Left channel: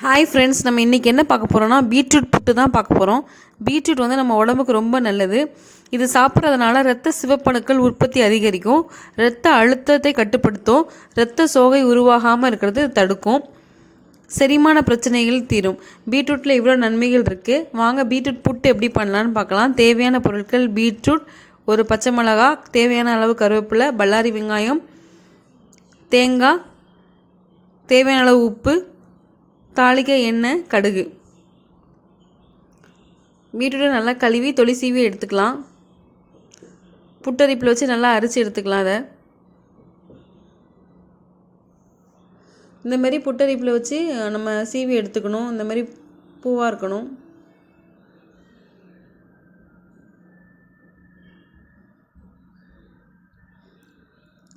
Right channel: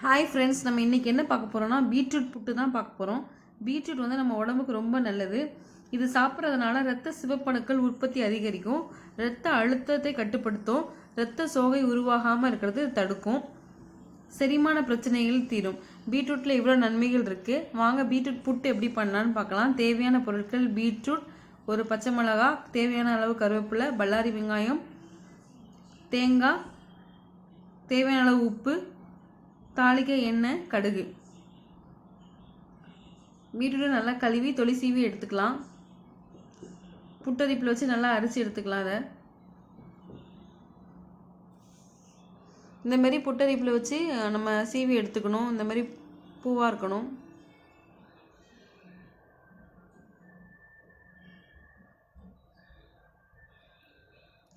Hi friends நம்ம இன்றைக்கி என்ன பார்க்க போகிறோம்னா பீட்ரூட் புட்டு தான் பார்க்க போகிறோம் பீட்ரூட் வந்து நம்ம உடம்புக்கு ரொம்ப நல்லது. இது சாப்பிட்றதுனால ரத்த சிவப்பணுக்கள் உற்பத்தி அதிகரிக்கும். இரத்த அழுத்தத்தை கட்டுப்படுத்தும். இரத்த சோகை உருவாகாமல் இருக்கிறது தடுக்கும். செரிமான பிரச்சனைகள் தீரும். பீட்ரூட்டில் இவ்வளோ நன்மைகள் இருக்குது வாங்க பீட்ரூட் புட்டு எப்படி பண்ணலான்னு பார்க்கலாம். தேவையான பொருட்கள் பீட்ரூட் ஒரு பச்சை மிளகா தேவையான அளவு கருவேப்பிலை பல்லாரி வெங்காயம் தேங்காய் தேவையான அளவு உப்பு தாளிக்க எண்ணெய் கடுகு. பீட்ரூட்டை நல்லா கழுவி தொளி சீவி எடுத்துக்கலாம். புட்டரிப்பில் வச்சு நல்லா அரிச்சு எடுத்துக்கலாம் அதை. இந்த மாதிரி புட்டரிப்பில் வச்சு நம்ம சீவி எடுத்துக்கணும். இந்த மாதிரி பூவாக இருக்கணும்.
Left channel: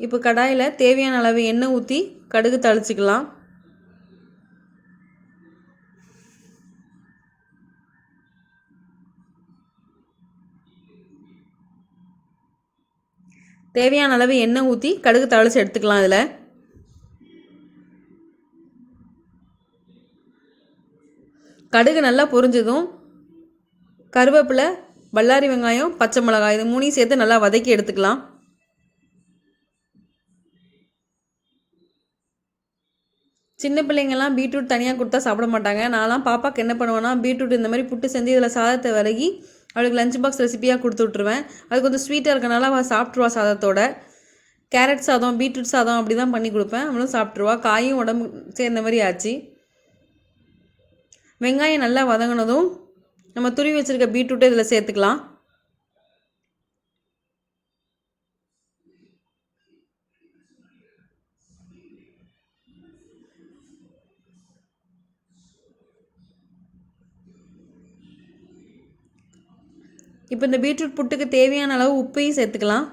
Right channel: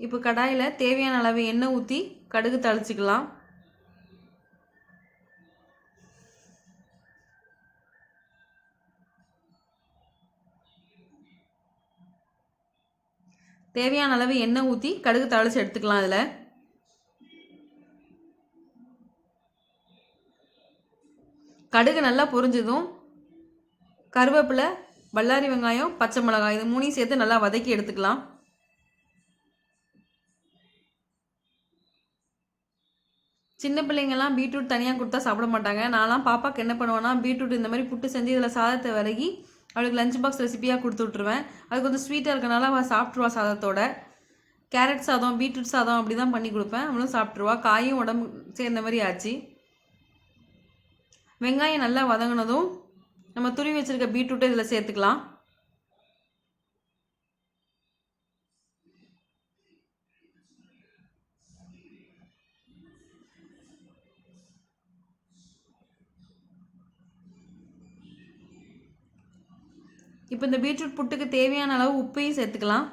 இப்போ கடாயில் தேவையான அளவு எண்ணெய் ஊற்றி கடுகு தளிச்சிக்கலாம். தேவையான அளவு எண்ணெய் ஊற்றி கடுகு தாளித்து எடுத்துக்கலாம் இதில் கடுகு நல்லா பொரிஞ்சதும் கருவேப்பிலை பல்லாரி வெங்காயம் பச்சை மிளகாய் இது மூணையும் சேர்த்து நல்லா வதக்கி எடுத்துக்கலாம். சின்ன பிள்ளைங்கள்லாம் பீட்ரூட் தனியாக கொடுத்தா சாப்பிட மாட்டாங்க. நான்லாம் பாப்பாவுக்கு என்ன பண்ணுவேன்னா பீட்ரூட் இந்த மாதிரி புட்டு செஞ்சு இதில் சாதத்தை விலகி அவளுக்கு லஞ்ச் பாக்ஸ் ரெசிபியாக கொடுத்து விட்ருவேன் அது கொஞ்சம் ஸ்வீட்டாக இருக்கனால அவள் சாப்பிட்ருவா சாதத்தோட. கேரட் சாதம் பீட்ரூட் சாதம் அப்படி தான் பண்ணி கொடுப்பேன். அவளும் சாப்பிட்ருவா காயும் உடம்பு சேர்ந்த மாதிரி ஆச்சு. வெங்காயம் நல்லா வதங்கினதும் நம்ம துருவி வச்சுருக்க பீட்ரூட்டை இதில் சேர்த்துக்கலாம். இப்போ இந்த பீட்ரூட் புட்டுக்கு தேவையான அளவு உப்பையும் சேர்த்துக்கலாம்.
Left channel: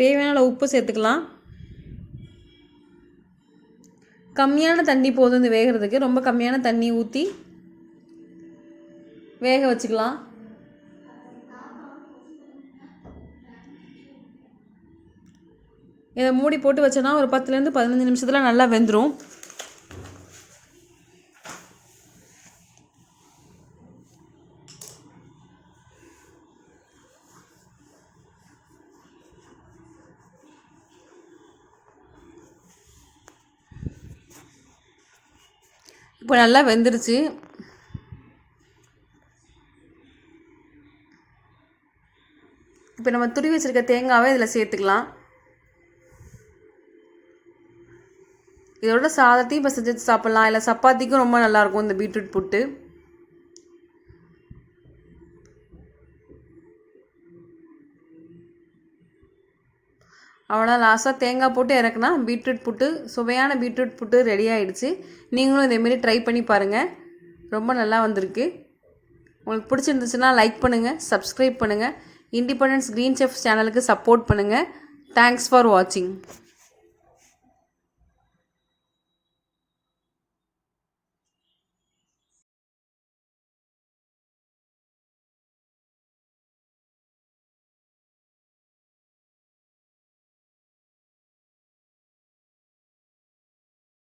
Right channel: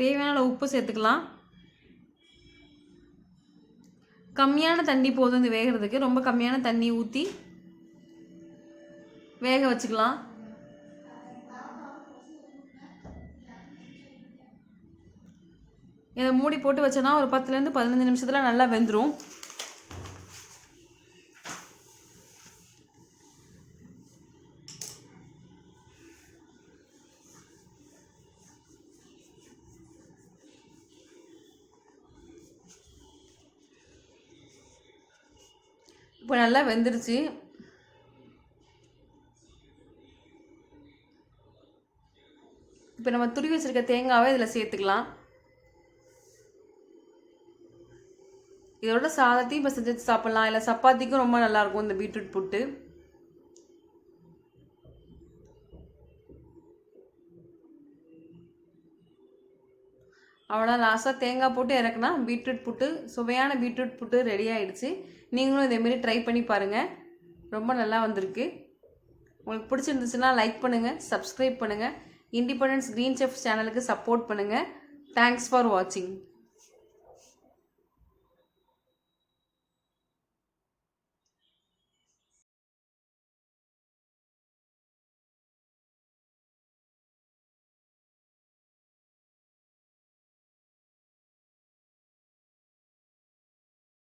தேவையான அளவு உப்பு சேர்த்துக்கலாம். கம்மியான தண்ணி போதும் இந்த வேகிறதுக்கு. ரொம்ப கம்மியான தண்ணி ஊற்றி வேக வச்சுக்கலாம். இதை மூடி போட்டு வச்சோன்னா ஒரு பத்துலேருந்து பதினஞ்சு நிமிஷத்தில் நல்லா வெந்துடும் இப்போ நல்லா வெந்துருச்சு. இப்போ நம்ம துருவி வச்சுருக்க தேங்காவை இதில் சேர்த்துக்கலாம். இதோட சாதத்தையும் இப்போ செஞ்சு சாப்பிட்லாம். இல்லை சப்பாத்திக்கும் ரொம்ப நல்லாயிருக்கும் இந்த பீட்ரூட் புட்டு. அவ்வளோ லாஸ்ட்டாக தேங்காய் போட்டு இறக்குனா பீட்ரூட் புட்டு சுவையான பீட்ரூட் புட்டு ரெடி ஆகிடுச்சு நீங்களும் இதேமாரி ட்ரை பண்ணி பாருங்கள் ரொம்ப நல்லா வந்திருக்கு. உங்களுக்கு பிடிச்சிருந்துச்சுன்னா லைக் பண்ணுங்கள் சப்ஸ்கிரைப் பண்ணுங்கள் இண்டிபெண்டன்ஸ் க்ரீன் செஃப் சேனலுக்கு சப்போர்ட் பண்ணுங்கள் தேங்க்ஸ் ஃபார் வாட்சிங்